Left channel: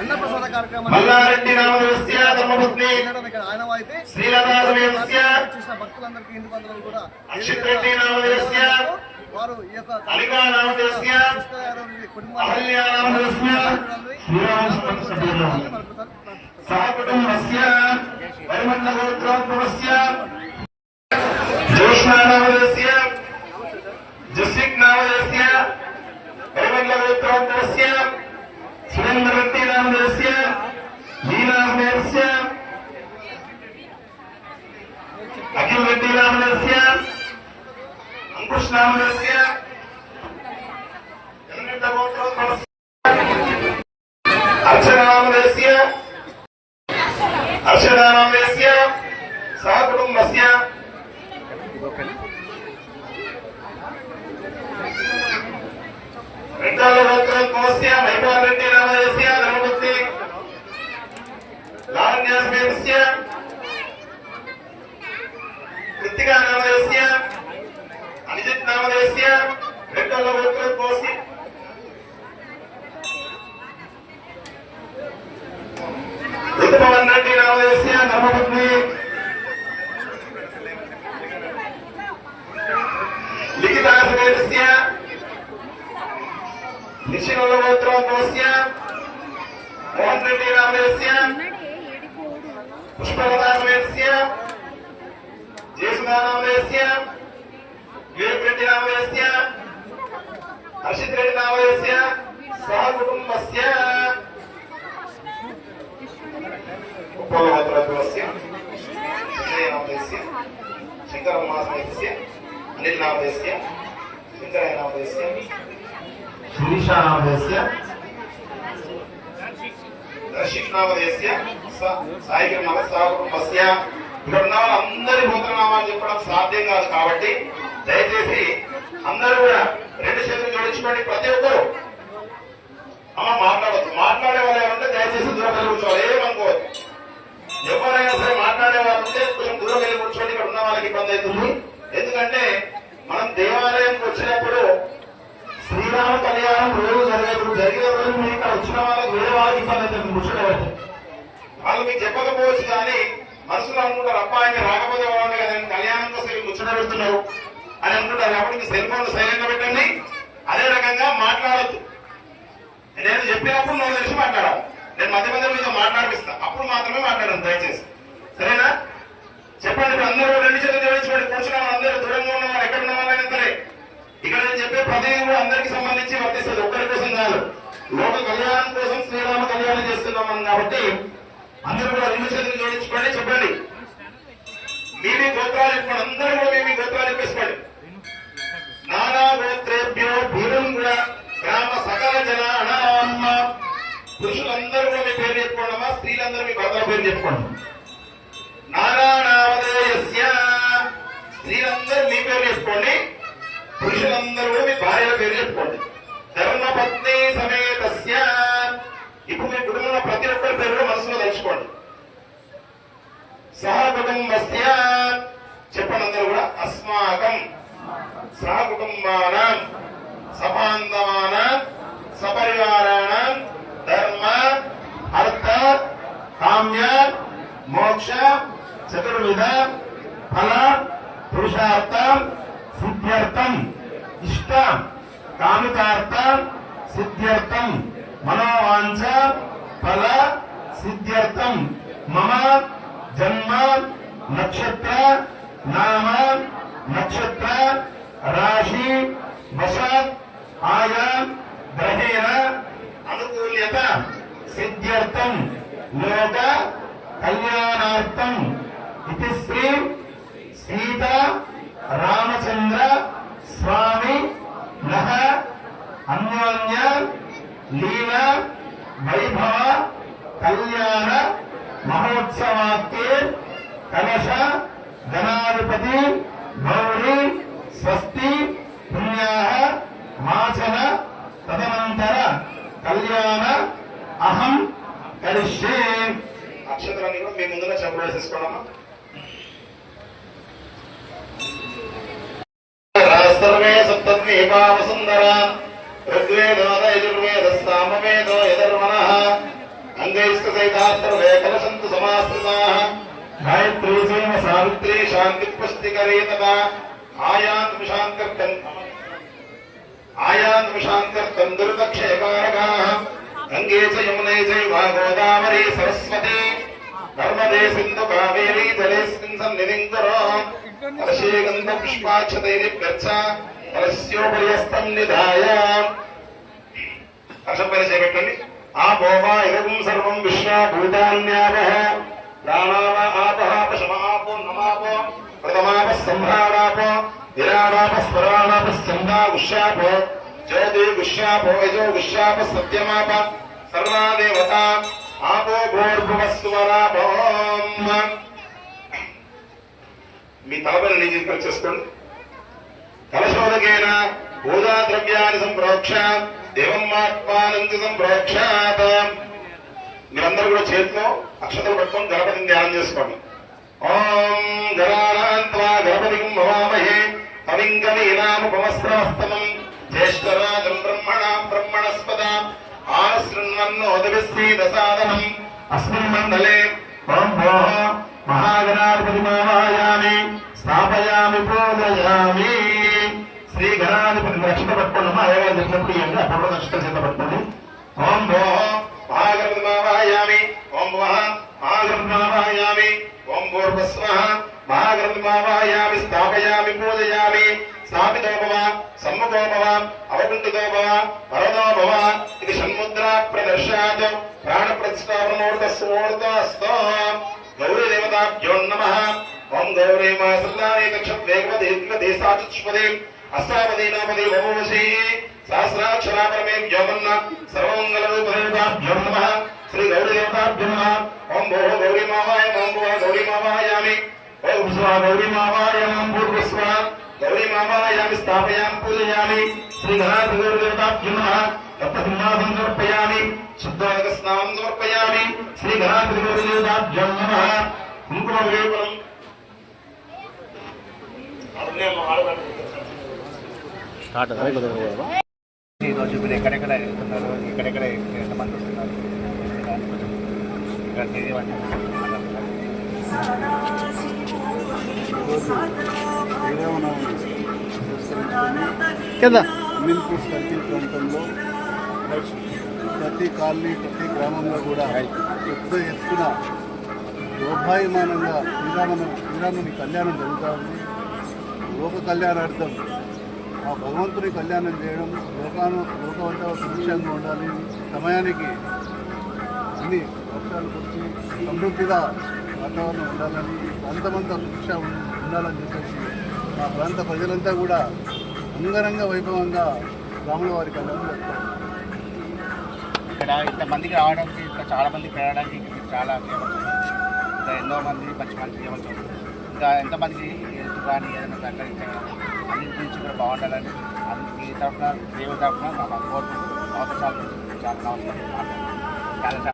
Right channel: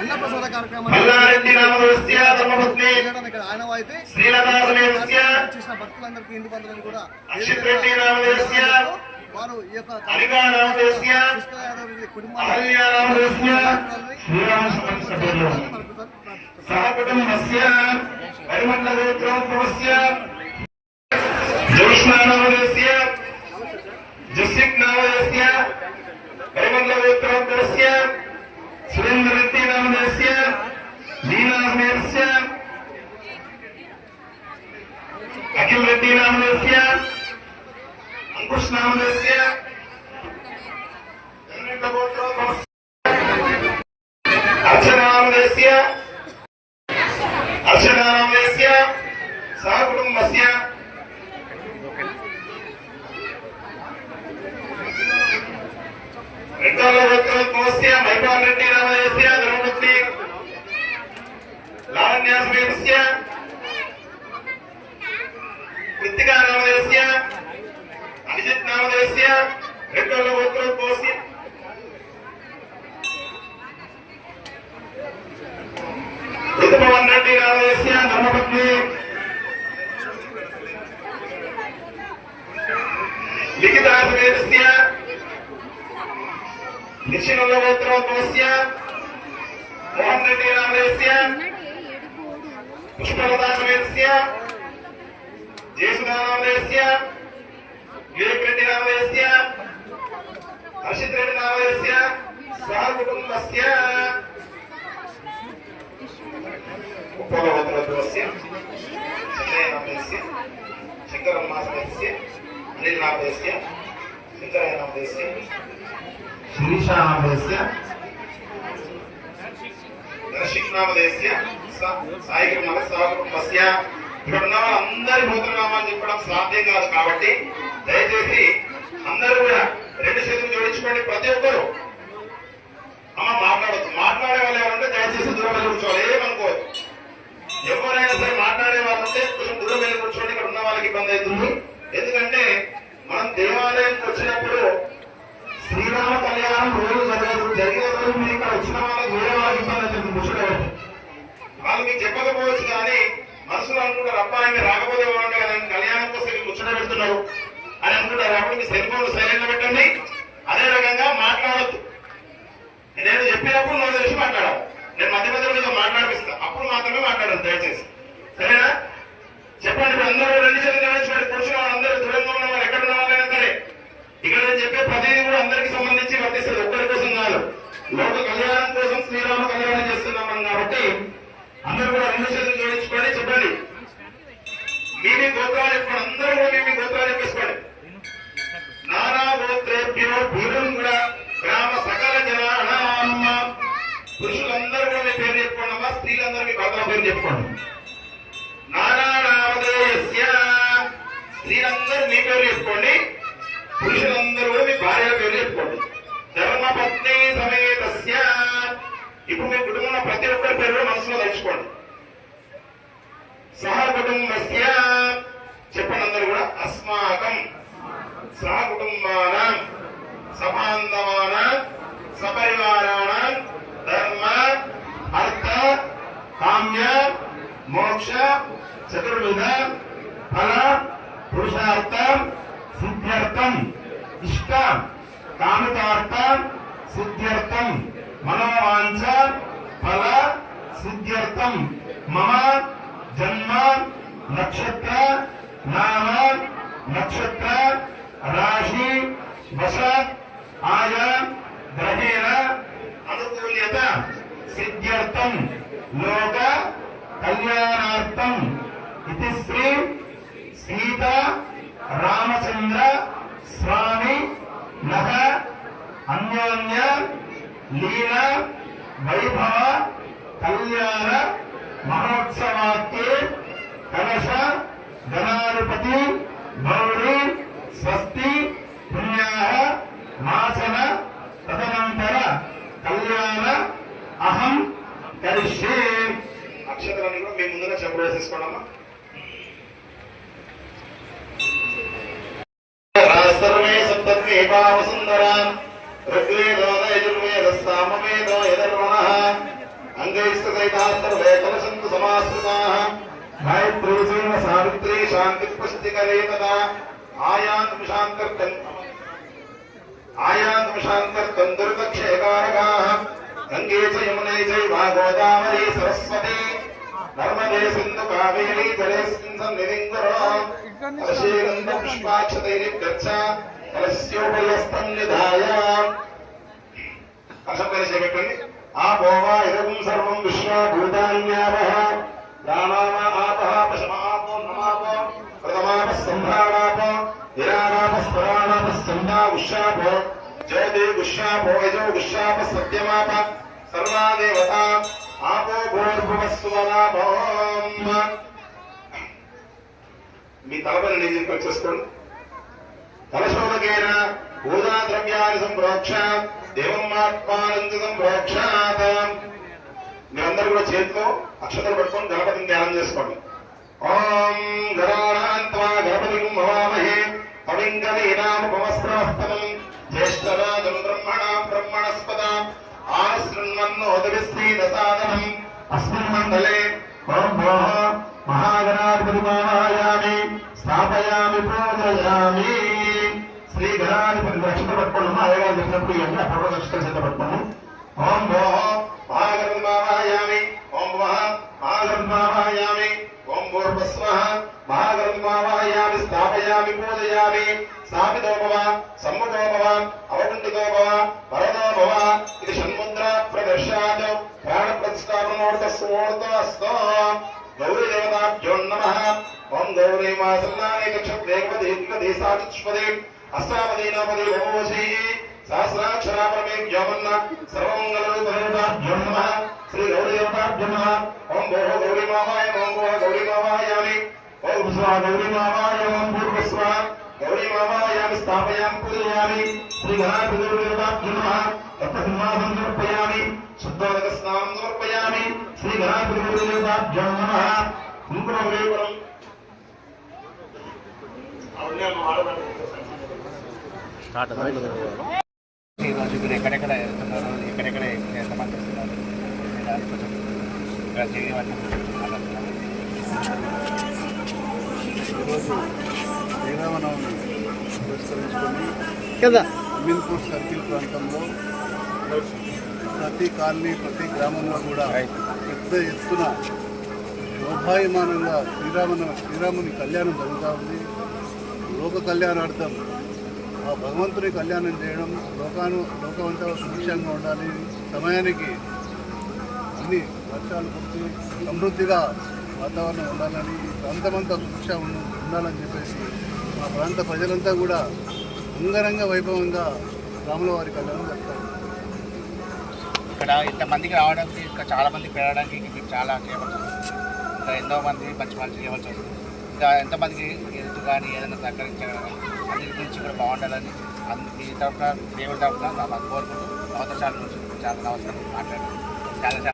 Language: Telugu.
అన్నప్రసాద కార్యక్రమాన్ని ఇక్కడ ఆనవాయితీ చేసిన భక్తులందరికీ హిందూ బంధువులను కూడా వారు ఈ యొక్క కుటుంబాన్ని सुरेन्द्रवृत्ति नामधेयस्य लीलामयस्य अखिल रेड्डी नामधेयस्य अंकुश नामधेयस्य अर्चना नामधेयस्य सहकुटुम्बस्य मैपालरेड्डी नामधेयस्य धर्मपत्नी लावण्या समेतस्य कृतिका नामधेयस्य अनिजित नामधेयस्य रेड्डोलगोत्रोद्भवस्य ऋतुपवन रेड्डी नामधेयस्य धर्मपत्नी लिखिता समेतस्य निशिनगोत्रोद्भवस्य मोहन रेड्डी नामधेयस्य पुष्पलता समेतस्य जयसुधा नामधेयस्य विवेक रेड्डी नामधेयस्य हर्षित रेड्डी नामधेयस्य सहकुटुम्बस्य उपगोत्रोद्भवस्य संजय नामधेयस्य शंकरम्मा समेतस्य अनिल नामधेयस्य शंकराय नामधेयस्य शिरीषा नामधेयस्य दर्शिक नामधेयस्य సాయికి నమస్కారమస్య ఇక్కడ అందరి గోత్రనామాలు చెప్పడం సాధ్యం కాదు కాబట్టి దయచేసి అందరూ కూడా రెండు చేతులు జోడించుకోండి. ప్రతి ఒక్కరు అమ్మ మాట్లాడవచ్చు. మాట్లాడే వాళ్ళు ఎవరంటే దయచేసి దూరం వెళ్ళి కూర్చోవాలి. ఏమనుకోవద్దు. ఎవరైనా సరే మాట్లాడే వాళ్ళు ఉంటే కొంచెం దూరం వెళ్ళి కూర్చోండి. ఇక్కడ ఉన్న వాళ్ళకి ఇబ్బంది అవుతుంది. ఎందుకంటే మనం దేవాలయంకి వచ్చినప్పుడు శ్రీరామ కళ్యాణం రోజు జరిగే రోజు మీరు ఇక్కడ వచ్చిన వాళ్ళకి వేరే వాళ్ళకి ఇబ్బంది అవుతుంది. కూర్చోలేదు వాళ్ళు మీకు చెప్పకపోవచ్చు కానీ మనసులో అనుకుంటారు అబ్బా ఆయన రాకపోతే బాగుండే కదా కళ్యాణం కోసం ముచ్చట పెడుతున్నారు అని అనుకుంటారు. అప్పుడు మీ సెల్ ఫోన్ సైలెంట్ పెట్టండి. అదే రకంగా మాట్లాడద్దు. నేను చెప్పినప్పుడు నువ్వు తెలిసి మాట్లాడాలి. నేను మధ్య మధ్యలో మీతో మాట్లాడిస్తా. అప్పుడు మాత్రమే మాట్లాడదు దయచేసి. సరేనా? చెప్పండి. ఇప్పుడు అందరూ రెండు చేతులు జోడించుకోండి. కూర్చున్న వాళ్ళందరూ దూరంగా ఉన్న వాళ్ళు ఎక్కడ ఉన్న వాళ్ళైనా సరే ఇక్కడ నేను చెప్పే ప్రతిదీ కూడా అందరికి సంబంధించి వర్తిస్తుంది. ఒక్కరి కోసం కాదు. లోక కళ్యాణం కోసం శ్రీరామ కళ్యాణం చేస్తున్నాం కాబట్టి అందరూ కూడా రెండు చేతులు జోడించుకోండి. చెప్పండి. మీ గోత్రాలు చెప్పుకోండి. అందరూ కూడా మీ గోత్రాలు చెప్పేసుకోండి. నానా గోత్రేభ్యో భీరంగుల గ్రామ సకల జనానామ. పురుషులందరూ కూడా మీ పేరు చెప్పుకోండి. అమ్మా స్త్రీలందరూ మీ గోత్ర పేరు చెప్పుకోండి. నానా నామధేయస్య. స్త్రీలందరూ మీ పేరు చెప్పుకోండి. పురుషులందరూ కూడా మీ భార్య పేరు చెప్పుకోండి. ధర్మపత్ని సమేతస్య. ఇప్పుడు మీ కుటుంబంలో ప్రతి ఒక్కరి పేరు మనసులో తలుచుకోండి. సహకుటుంబస్య. చెప్పండి అందరూ కూడా. అస్మాకం సహకుటుంబానాం సబాంధవానాం సపరివారాణాం ధర్మ అర్థ కామ్య మోక్ష చతుర్విధ ఫల పురుషార్థం సిద్ధ్యర్థం ఇష్ట కామితార్థం సిద్ధ్యర్థం మనోవాంఛ ఫల సిద్ధ్యర్థం మమ జన్మ నక్షత్ర నామ నక్షత్ర రాశి వశ ఆయా గ్రహేణ అనుకూల్యత సిద్ధ్యర్థం లోక కళ్యాణార్థం ఇది శ్రీ సీత రామచంద్ర స్వామి నః అన్యోన్య లీలా వైభవ కళ్యాణ మహోత్సవాక్యే కలశ గణాధిపతి గౌరీ స్వస్తి పుణ్యాః మాచన తదనంతర కళ్యాణ అహం కరిష్యే. నక్షత్రాన్ని కూడా మీ ముందుగా చెప్పేసేసుకోండమ్మా. సర్వే సప్తద్వీపావసుందర ఋగ్వేదో యజుర్వేద సామవేదో యధర్మణః अंगैस्तसहिताः सर्वे कलशन्तु समाश्रिताः गायत्री सेव सावित्री शान्ति पुष्टिकरे तदा आयान्तु शान्तिर्कं दुर्दक्षेकारकाः गंगे च यमुने चैव गोदावरी सरस्वती नर्मदे सिन्धु कावेरी जलेऽस्मिन् सन्निधिं कुरु हर्षेगन्ध पुष्पाक्षतैर्यभ्यर्च कलशस्योपरिस्तं निधाय हर्षं परिचयपेट्टंడి आपोवा इदं सर्वं विश्वभूतान्यावः प्राणाव आपः पशमापो नमापो प्रथमापः सम्भ्राणापो विरामापः स्मराणापः स्कन्धा गुष्यापो ज्योति गुष्यापो यजो गुष्यापः सत्यमाप सर्वा देवता आपो भूर्भुवस्वरापो మీ తలపైన నీళ్ళు చేసుకోండి కలశోదకేన పూజా ద్రవ్యాన్ని సంప్రోక్ష దేవం ఆత్మానం సంప్రోక్షాత మీరందరూ కూడా చేతిలో అక్షతలు పట్టుకొని గణపతిని ధ్యానం చేసుకోండి ఓం గణానాన్త్వా గణపతిం భవామహే కవిం కవీనాముపమస్రవస్తమం జ్యేష్ఠరాజం బ్రహ్మణాం బ్రహ్మణస్పద ఆనశృణ్వన్నోదవిశ్రీదసాదనం అస్మిన్ మండలే ఓం భోః महागणाधिपतिमावायामि स्थापयामि पूजयामि श्री गणाधिपति रक्षित पट्टनु आयगाరు చెప్పినప్పుడు ఇవన్నీ అపూర్వ రక్షిత చేత పట్టుకోండి ఓం భోః महागणाधिपतिमावायामि ఓం వః महागणाधिपతిమావాయామి ఓం భూర్భువస్వః महागणाधिपతిమావాయామి స్థాపయామి పూజయామి స్థాపితో భవ సమ్ముఖో భవ అవకుంఠితో భవ వరదో భవ ఇది షణ్ముద్రా ప్రదర్శయాత్ ప్రాణ ప్రతిష్ఠాపనోర్ధస్వోర్ధస్తు गौरी देवताभ्यो नमः ओम गौरी मासल्लाने कक्षवेगवदेसाचुष्पदे अष्टापदी नामदे भवोषे सहस्राक्षरापरमे व्योमन्न सर्वमंगलरूपदेवताभ्यो नमः श्री गौरी देवताभ्यो नमः ओम भोः गौरी मावाय ओम भोः गौरी मावायामि ओम स्वाहा गौरी मावाय ओम भूर्भुवस्वः गौरी मावायामि स्थापयामि पूजयामि श्री गणाधिपति गौरी देवताभ्यो नमः तत्सिंहासनं समर्पयामि शुद्धोदक स्नानं समर्पयामि श्री गणाधिपति गौरी देवताभ्यो नमः कुंकुमवेपनं ఈరోజు మీరు ఎక్కడెక్కడ వెళ్తున్నారు, ఎక్కడెక్కడ ఎంతమంది వస్తున్నారు దాన్ని కొంచెం ఇక్కడ తెలియవని మాట్లాడుతున్నారు. ఈరోజు శ్రీరామనవమి పురస్కరించుకొని అమీన్పూర్ సర్కిల్ ప్రాంతంలో ప్రతి కాలనీ ప్రతి గ్రామంలో కూడా పెద్ద ఎత్తున శోభాయమానంగా శ్రీరాముని కళ్యాణం జరుగుతూ ఉంది. లోక కళ్యాణార్థం ఆ భగవంతుని కళ్యాణం చేయడం లోకమంతా సుభిక్షంగా ఉండాలి, సమయానికి అన్ని వర్షాలు కురిసి సమృద్ధిగా వాతావరణం ఉండాలని, ఈ ప్రాంతమంతా సుభిక్ష ఉండాలని చెప్పేసి మా ప్రాంత ప్రజలంతా కూడా అంగరంగ వైభవంగా రాముల వారి కళ్యాణం జరుపుతారు. ఇక్కడ ఇంతమందికి రావడానికి, ఇంకా చాలా మందికి వెళ్ళడానికి మీరు చాలా చేయబడుతుంది. ఇంకా ఎంతో మంది మంచి మంచి చేయవలసి ఉంటుంది. ఇంకా ఎంతమందికి హెల్త్ కానీ ఏదైనా సహకరించగలరు అన్నిటి గురించి కూడా బాగుండాలని మీ తరఫున దేవుడి తరఫున మా కోరుకుంటూ అవకాశాల గురించి చాలా నమస్కారం మాట్లాడుతున్నాను. చాలా